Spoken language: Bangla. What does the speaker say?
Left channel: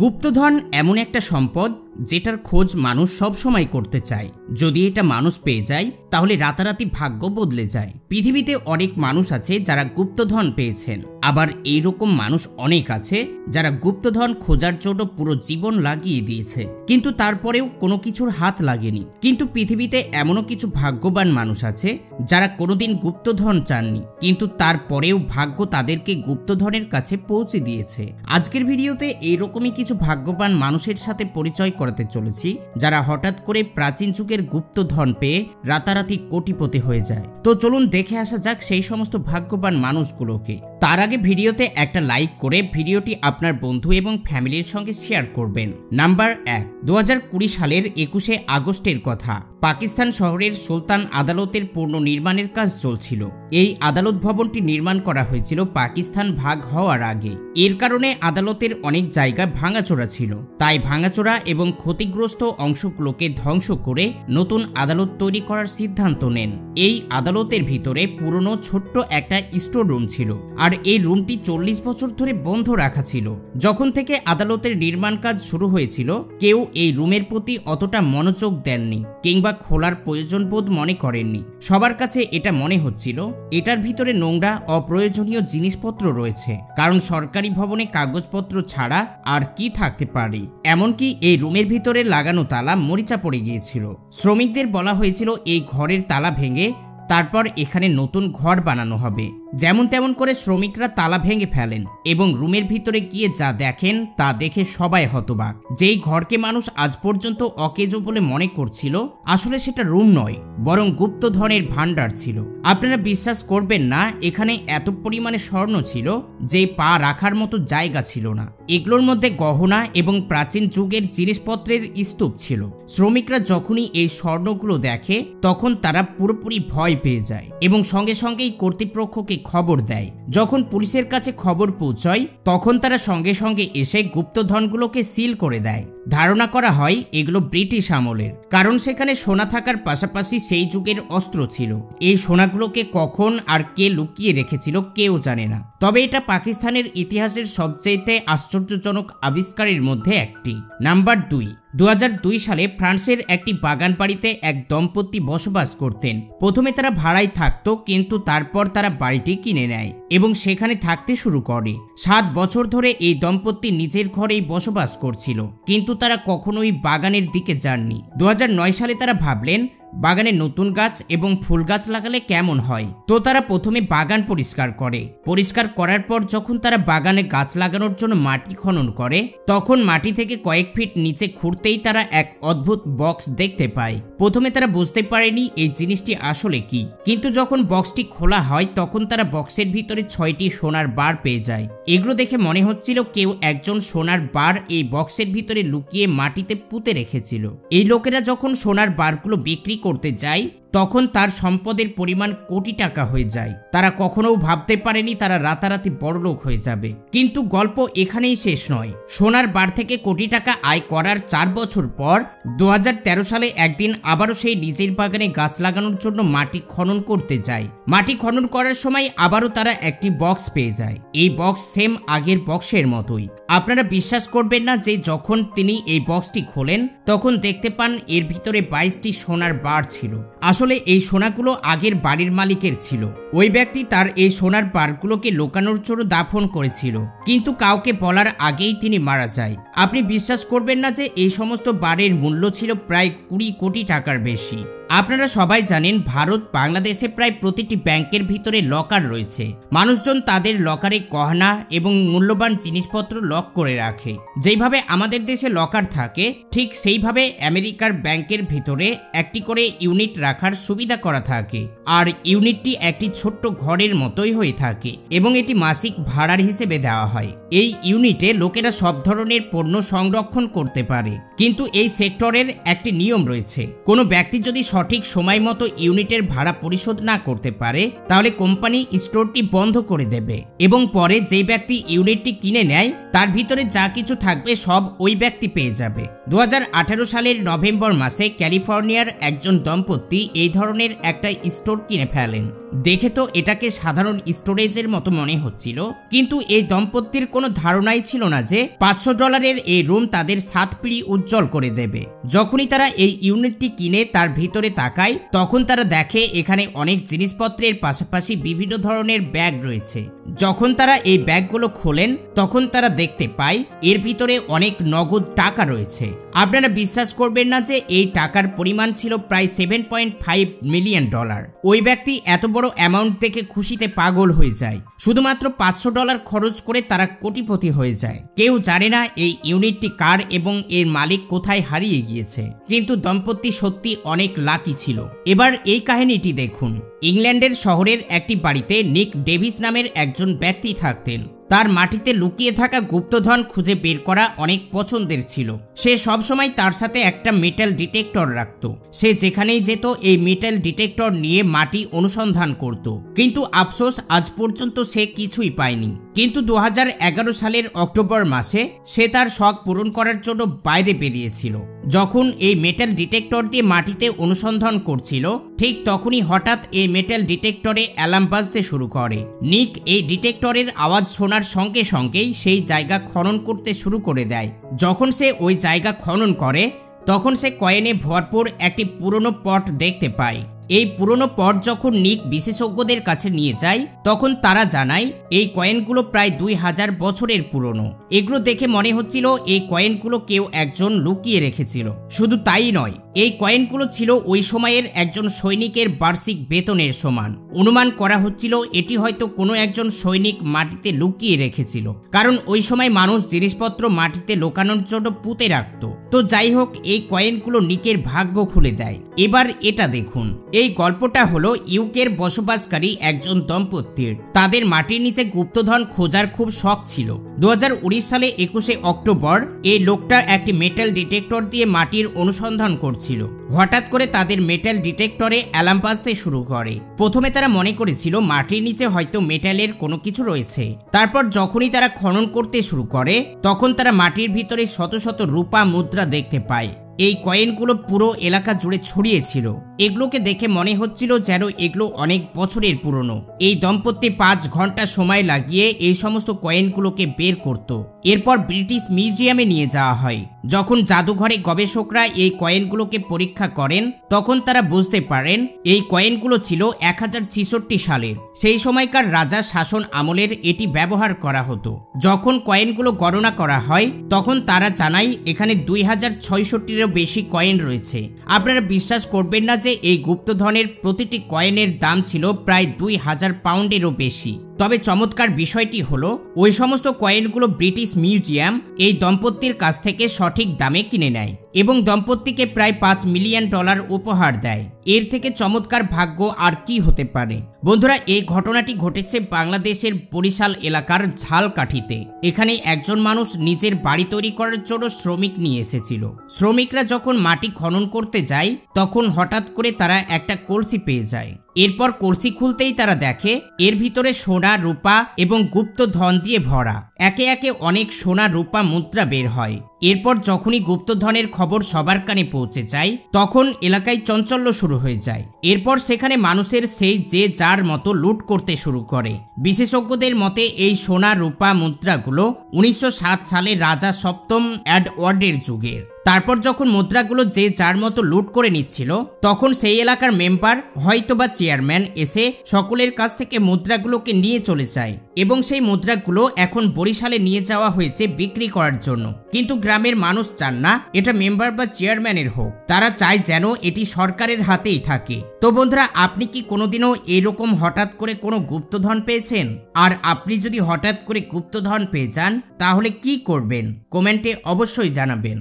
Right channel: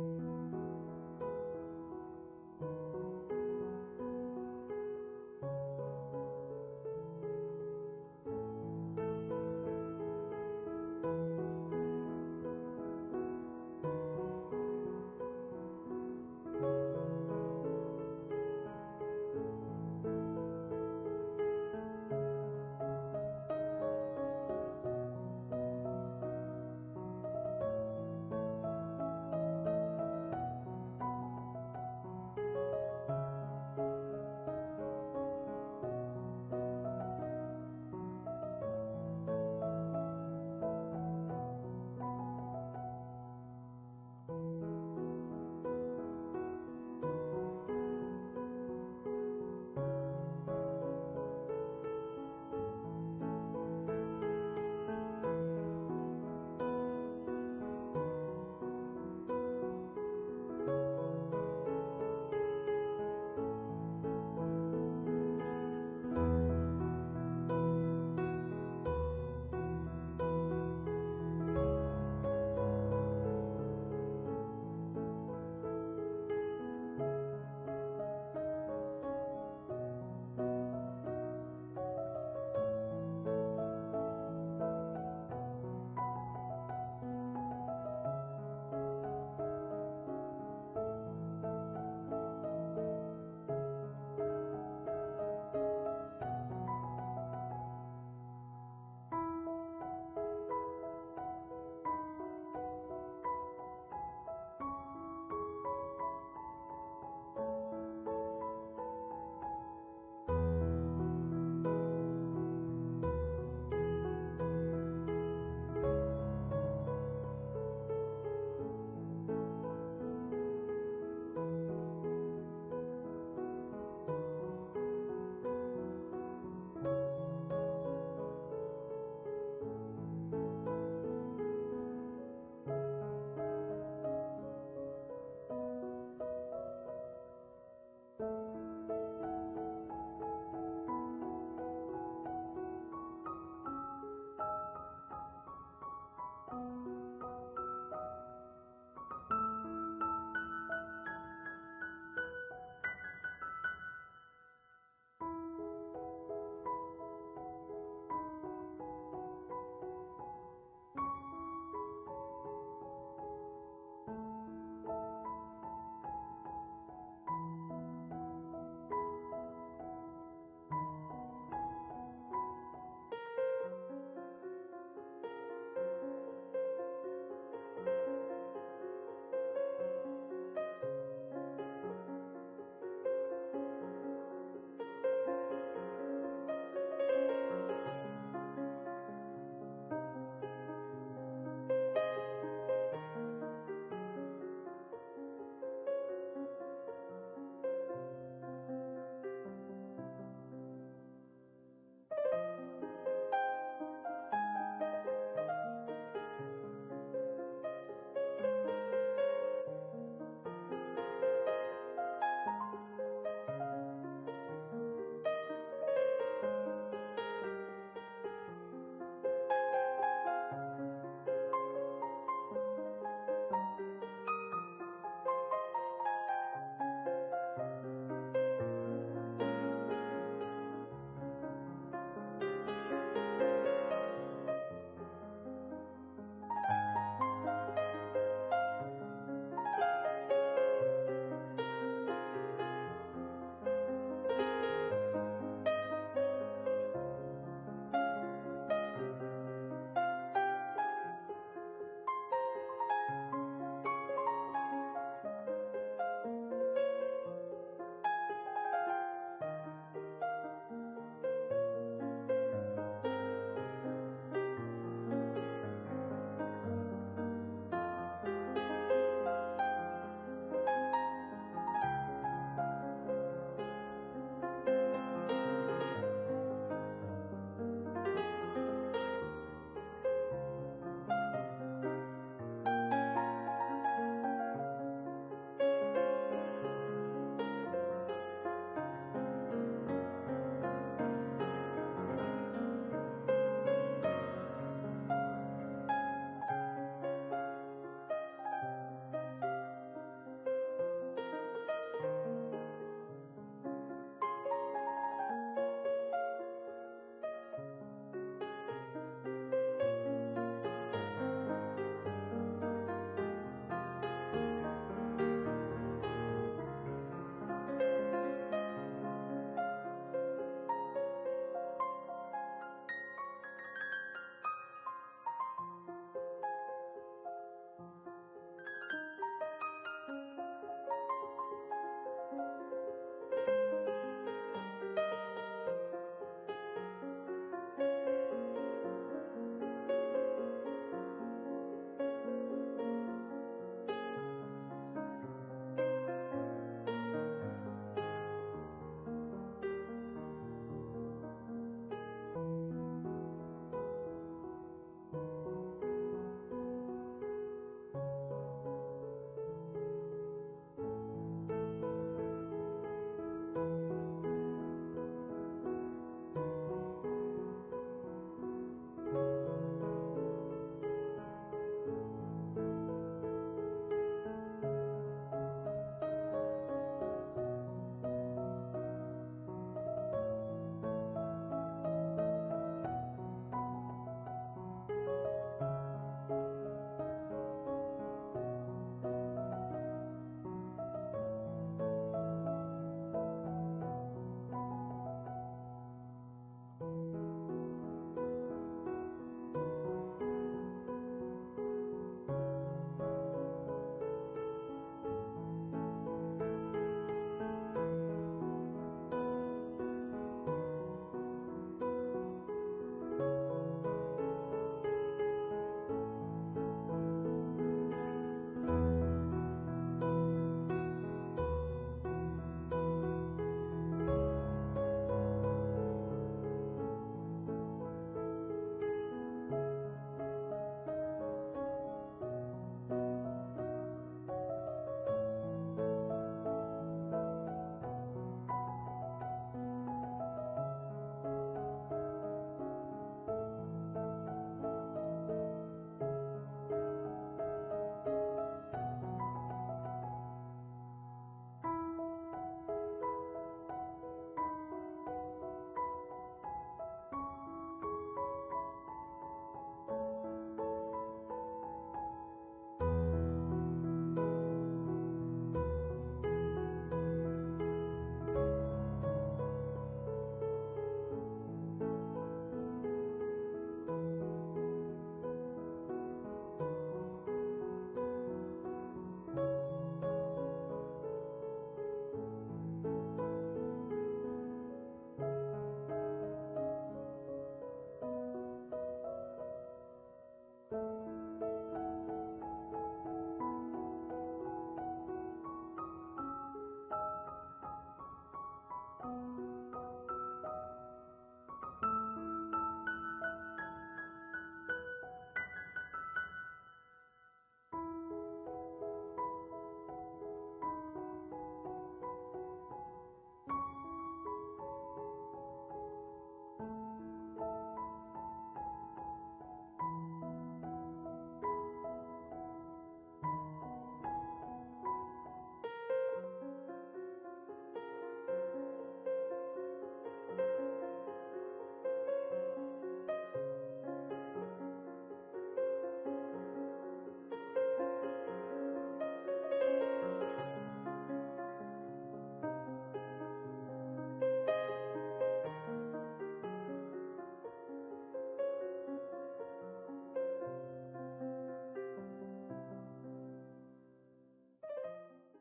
গুপ্তধন এমন একটা সম্পদ যেটার খোঁজ মানুষ সব সময় করতে চায়। যদি এটা মানুষ পেয়ে যায় তাহলে রাতারাতি ভাগ্য বদলে যায়। পৃথিবীতে অনেক মানুষ আছে যারা গুপ্তধন পেয়েছেন, আবার এইরকম মানুষ অনেক আছে যারা গুপ্তধন খোঁজার জন্য পুরো জীবন লাগিয়ে দিয়েছে, কিন্তু তারপরেও কোনো কিছুর হাত লাগেনি। কিন্তু পৃথিবীতে এমনও কিছু ভাগ্যবান মানুষ আছে যারা কোনোদিন গুপ্তধন চাননি, কিন্তু তারপরেও ভাগ্য তাদেরকে গুপ্তধনের কাছে পৌঁছে দিয়েছে। আজকের ভিডিওতে এইরকমই কিছু ভাগ্যবান মানুষের সাথে পরিচয় করাতে চলেছি যারা হঠাৎ করে প্রাচীন যুগের গুপ্তধন পেয়ে রাতারাতি কোটিপতি হয়ে যায়। তো চলুন দেখে আসা যাক সেই সমস্ত ভাগ্যবান মানুষগুলোকে। তার আগে ভিডিওতে একটা লাইক করে ভিডিওটি আপনার বন্ধু এবং ফ্যামিলির সঙ্গে শেয়ার করবেন। নাম্বার 1, 2020 সালের 21শে আগস্টের কথা। পাকিস্তান শহরের সুলতান আদালতের পুনর্নির্মাণের কাজ চলছিল। এই আদালত ভবনটি নির্মাণ করা হয়েছিল পাকিস্তান ভাগ হওয়ার আগে। এর কারণে আদালতের অনেক জায়গা ভাঙাচোরা ছিল, তাই ভাঙাচোরা এবং ক্ষতিগ্রস্ত অংশগুলোকে ধ্বংস করে নতুন আদালত তৈরি করার সিদ্ধান্ত নেন। এই আদালতের ভিতরে পুরনো ছোট্ট একটা স্টোর রুম ছিল, আর এই রুমটি 40 বছর ধরে বন্ধ রাখা ছিল। যখন থেকে আদালতের নির্মাণ কাজ শুরু হয়েছিল কেউ এই রুমের প্রতি অতটা মনোযোগ দেননি কিংবা খোলার প্রয়োজন বোধ মনে করেননি। সবার কাছে এটা মনে হচ্ছিল এটার ভিতরে নোংরা অপ্রয়োজনীয় জিনিসপত্র রয়েছে, কারণ সরকারি ভবনে কাগজপত্র ছাড়া আর কি থাকতে পারে। এমনকি এই রুমের ভিতরে লাগানো তালা মরিচা পড়ে গিয়েছিল। শ্রমিকদের বলা হয়েছিল এই ঘরের তালা ভেঙে তারপর এখানে নতুন ঘর বানানো হবে। যেমন তেমন করে শ্রমিকরা তালা ভেঙে ফেলেন এবং রুমের ভিতরে গিয়ে যা দেখেন তা দেখে সবাই হতবাক। যেই ঘরকে মানুষ আজ পর্যন্ত অকেজো বলে মনে করছিল, আসলে সেটা রুম নয় বরং গুপ্তধনের ভান্ডার ছিল। আপনারা বিশ্বাস করবেন না, এখানে এত পরিমাণে স্বর্ণ ছিল যে পা রাখার মতো জায়গা ছিল না। এগুলোর মধ্যে গহনা এবং প্রাচীন যুগের জিনিসপত্রের স্তূপ ছিল। শ্রমিকরা যখনই এই স্বর্ণগুলো দেখে তখন তারা পুরোপুরি ভয় পেয়ে যায় এবং সঙ্গে সঙ্গেই কর্তৃপক্ষকে খবর দেয়। যখন পুলিশের কাছে খবর পৌঁছয় তখন তারা সঙ্গে সঙ্গে এসে গুপ্তধনগুলোকে সিল করে দেয়। ধারণা করা হয় এগুলো ব্রিটিশ আমলের, কারণ সেখানে সোনা থাকার পাশাপাশি সেই যুগের অস্ত্র ছিল। এই সোনাগুলোকে কখন আর কে লুকিয়ে রেখেছিল কেউ জানে না, তবে এটা পাকিস্তানের ইতিহাসের সবচেয়ে আশ্চর্যজনক আবিষ্কারের মধ্যে একটি। নাম্বার 2, 2002 সালে ফ্রান্সের একটি বাগান বাড়িতে এক দম্পতি বসবাস করতেন। প্রথমে তারা ভাড়ায় থাকতো, কিন্তু তারপর তারা বাড়িটি কিনে নেয় এবং সেখানে থাকতে শুরু করে। 7 বছর ধরে এই দম্পতি নিজের ঘরেই বসবাস করছিল, কিন্তু তারা কখনোই বাগানের দিকে যাননি। 2009 সালে তারা ভাবলেন বাগানে নতুন গাছ এবং ফুল গাছ লাগালে কেমন হয়। তো তারা প্রথমে বাগান পরিষ্কার করার পর যখন তারা বাগানে গাছ লাগানোর জন্য মাটি খনন করে তখন মাটি থেকে কয়েক ফিট নিচে খুঁড়তেই তারা এক অদ্ভুত বক্স দেখতে পায়। প্রথমে তারা বুঝতে পারেনি এই জিনিসটি আসলে কি, কিন্তু যখন বক্সটি খোলা হয় তখন তারা বক্সের ভিতরে 6টি সোনার বার পেয়ে যায়। এগুলো দেখে মনে হচ্ছিল কেউ একজন সোনার বার এই বক্সের ভিতরে লুকিয়ে মাটিতে পুঁতে রেখেছিল। এই লোকেরা যখন সোনার বারগুলো বিক্রি করতে যায় তখন তার সম্পদের পরিমাণ কোটি টাকা হয়ে যায়। তারা কখনো ভাবতে পারেনি তারা রাতারাতি বড়লোক হয়ে যাবে। কিন্তু গল্প এখানেই শেষ নয়। সোনার বার থেকে কোটি টাকা আয় করার 4 বছর পর 2013 সালে একদিন আবারও সেই নিজের বাগানে গাছ লাগানোর জন্য মাটি খনন করতে যায়। মাটি খনন করার সময় আবারও তারা একটি বক্স পেয়ে যায়। এই বক্স সেম আগের বক্সের মতোই। আপনারা বিশ্বাস করবেন না যে যখন তিনি এই বক্সটি খোলেন তখন দেখতে পান এর ভিতরে 22টি সোনার বার ছিল। আসলে এই সোনাগুলো আগের বাড়ির মালিকের ছিল। ওই ব্যক্তি তার এই সোনার বারগুলোকে লুকানোর জন্য দাফন করেছিল, কিন্তু কাউকে বলার আগেই তিনি মারা যায়। আপনি বিশ্বাস করবেন না যে এই সমস্ত বারের মূল্য ছিল প্রায় 20 কোটি টাকার বেশি। আপনারা সবাই জানেন ভারত বাংলাদেশে প্রায় প্রতিটি ব্যাংকের ভিতরে লকার রয়েছে। মানুষজন তাদের লকারে গহনা এবং মূল্যবান জিনিসপত্র লক করে রাখে। যেইভাবে আমাদের দেশে লকার থাকে ঠিক সেইভাবে আমেরিকার ব্যাংকের ভিতরে একটি করে ইউনিট রাখার সুবিধা করা থাকে, আর ইউনিটটি একটি ছোট্ট ঘরের মতোই হয়ে থাকে এবং এটি মাসিক ভাড়ার হিসেবে দেওয়া হয়। এই ইউনিটে লোকেরা সব ধরনের পণ্য সংরক্ষণ করতে পারে, কিন্তু এই সেক্টরের একটি নিয়ম রয়েছে। কোনো ব্যক্তি যদি সঠিক সময় মতো ইউনিটের ভাড়া পরিশোধ না করতে পারে তাহলে কোম্পানি স্টোরটি বন্ধ করে দেবে এবং পরে যে ব্যক্তি ইউনিটটি কিনে নেয় তার ভিতরে যা কিছু থাকবে সব ওই ব্যক্তি পেয়ে যাবে। 2018 সালের নভেম্বর মাসে ক্যালিফোর্নিয়ার একজন দম্পতি এই ধরনের একটা স্টোর কিনে ফেলেন। দেখে তো এটাকে সাধারণ স্টোরেজের মতো মনে হচ্ছিল, কিন্তু এই দম্পতির কোনো ধারণাই ছিল না যে $500 এই রুম তাদের 7 পিঁড়ি উজ্জ্বল করে দেবে। যখনই তারা এই ইউনিটটি কিনে তার ভিতরে তাকায়, তখন তারা দেখে এখানে অনেক জিনিসপত্রের পাশাপাশি বিভিন্ন ধরনের ব্যাগ রয়েছে। যখন তারা এই ব্যাগগুলো খোলেন তখন তারা দেখতে পায় এর ভিতরে অনেক নগদ টাকা রয়েছে। আপনারা বিশ্বাস করবেন না যে এই টাকার পরিমাণ ছিল প্রায় $7.5 মিলিয়ন। ওই ব্যক্তি এত বড় অ্যামাউন্ট দেখে খুশিতে পাগল হয়ে যায়। শুধুমাত্র $500 খরচ করে তারা কোটিপতি হয়ে যায়। কেউ জানে না এই ইউনিটটি কার এবং এর মালিক কোথায় হারিয়ে গিয়েছে, কিন্তু দম্পতি সত্যি অনেক লাকি ছিল। এবার এই কাহিনীটি দেখুন। ইংল্যান্ডের শহরের একটি বাড়িতে নিক ডেভিস নামের একজন ব্যক্তি থাকতেন। তার মাটিতে লুকিয়ে থাকা গুপ্তধন খুঁজে বের করা অনেক পছন্দের ছিল। সে সবসময় তার সাথে একটা মেটাল ডিটেক্টর রাখত। সে যেখানেই যেত এই মেটাল ডিটেক্টর নিয়ে মাটি অনুসন্ধান করত, কিন্তু আফসোস আজ পর্যন্ত সে কিছুই পায়নি। কিন্তু 2011 সালের অক্টোবর মাসে সে তার শখ পূরণ করার জন্য বাইরে বেরিয়েছিল। যখন এই মেটাল ডিটেক্টর দিয়ে মাটিতে অনুসন্ধান করছিল, ঠিক তখনই হঠাৎ এই মেটাল ডিটেক্টরে অ্যালার্ম বাজতে শুরু করে। নিক এই ডিটেক্টরের আওয়াজ শোনার সঙ্গে সঙ্গেই সেই জায়গা খনন করতে শুরু করে দেয়। যখন সে ওই জায়গা খনন করে তখন সে কয়েনে ভরপুর একটি পুরনো পট দেখতে পায়। এই পুরনো পট যখন নিক বিশেষজ্ঞদের কাছে নিয়ে যায় তখন তারা জানায় এই কয়েনগুলো প্রায় 2000 বছরের পুরনো। এগুলো দেখে মনে হচ্ছিল এই কয়েনগুলো কেউ একজন লুকিয়ে রেখেছিল। শুধু তাই নয়, এই কয়েনগুলো ছিল ওই সময়ের একজন সৈনিকের বার্ষিক বেতনের সমান। অনুমান করা হচ্ছিল এটি হয়তো কোনো একজন সৈনিক মাটিতে লুকিয়ে রেখেছিল, কারণ ওই সময় মানুষ জিনিসপত্র মাটিতে লুকানোর জন্য পুঁতে রাখত। তো যাই হোক, এই কয়েনগুলো নিকের ভাগ্য খুলে দেয়। এবার এটা দেখুন। এই গল্পটা হলো ইউকের বসবাসকারী একজন দম্পতির। তাদের মাটির নিচে গুপ্তধন খোঁজার খুব শখ ছিল। 2019 সালে 21শে অক্টোবর এই লোকটা একটি মেটাল ডিটেক্টর দিয়ে মাটির অনুসন্ধান করছিল। হঠাৎ করে তাদের মেটাল ডিটেক্টরে অ্যালার্ম বাজতে শুরু করে। প্রথমে তারা মনে করেছিল মাটির নিচে হয়তো মেটালের কোনো কিছু রয়েছে। তারপর যখনই তারা খনন করতে শুরু করে তখন তারা মাটির ভিতরে শত শত রূপা মুদ্রা দেখতে পায়। এই কয়েনগুলো পুরো এলাকা জুড়ে ছড়িয়ে ছিল। এগুলোকে দেখে মনে হচ্ছিল যেন এগুলো অনেক বছরের পুরনো। এই দম্পতি 5 ঘন্টা সময় লাগিয়ে এই সমস্ত কয়েনগুলোকে বের করত। এরপর ব্রিটিশ মিউজিয়ামে নিয়ে যাওয়া হয়। যখন জাদুঘরে গবেষকরা এই কয়েনগুলোকে পরীক্ষা করেন তখন তারা বুঝতে পারেন এই কয়েনগুলো ছিল 1066 সালের। সেই সময়কার রাজা শাসন আমলের এটি ব্যবহার করা হতো। যখন কয়েনগুলো গণনা করা হয় তখন তারা জানায় এখানে 2066-এরও বেশি কয়েন রয়েছে। আপনারা বিশ্বাস করবেন না যে এই গুপ্তধনের প্রতিটি কয়েনের দাম ছিল প্রায় 2000 পাউন্ডেরও বেশি। তবে চমৎকার বিষয়টি হলো ওই সমস্ত কয়েনগুলো ব্রিটিশ মিউজিয়াম এই দম্পতির কাছ থেকে সঠিক দামে কিনে নেয় এবং দম্পতিকে প্রায় $5 মিলিয়ন উপহার দেয়। এর থেকে চমৎকার ভাগ্য আর কি হতে পারে। বন্ধুরা, এই ঘটনাটি ঘটেছে বাংলাদেশের বরিশাল এলাকার ঝালকাঠিতে। এখানে একজন মানুষ নিজের বাড়ি তৈরি করার জন্য শ্রমিক নিয়ে এসেছিল। শ্রমিকরা যখন মাটি খনন করতে যায় তখন হঠাৎ করে তারা একটা কলসি পেয়ে যায়। এরপর কলসি খুলতেই তারা দেখে এর ভিতরে সোনা, রূপা এবং গুপ্ত ধন দিয়ে ভরা। একে একে অনেক সোনা, রূপা মুদ্রা বের হয়। এরপর যখনই গুপ্তধনের খবর সবার কানে পৌঁছে যায় তখন এলাকায় চাঞ্চল্য শুরু হয়ে যায়। এরপর সেখানে মানুষের সেই যে যার মতো লুট করতে শুরু করে। বিশেষজ্ঞদের মতে এই সোনা, রূপা মুদ্রাগুলো 1907 সালে রাজা সপ্তম এডওয়ার্ডের যুগের। তারপর যখন মুদ্রাগুলো যে যার মতো লুট করে নিচ্ছিল তখন সেই এলাকার মেম্বার হয়তোবা চেয়ারম্যান এসে সকলের কাছ থেকে মুদ্রাগুলোকে নিয়ে চলে যায় এবং সেই মুদ্রাগুলো এখন বরিশালে নিয়ে যাওয়া হয়েছে বিক্রি করার জন্য। কিন্তু গ্রামের মানুষ চান না এটা মেম্বার বা চেয়ারম্যানের হোক, তারা চায় যেন এটি সরকারের হাতেই থাকে। তো বন্ধুরা, আপনি কি কোনোদিনও এরকম হঠাৎ করে কোনো গুপ্তধন পেয়েছেন? আর আপনি যদি হঠাৎ করে গুপ্তধন পেয়ে যান তাহলে কি করবেন? কমেন্টে অবশ্যই জানাবেন।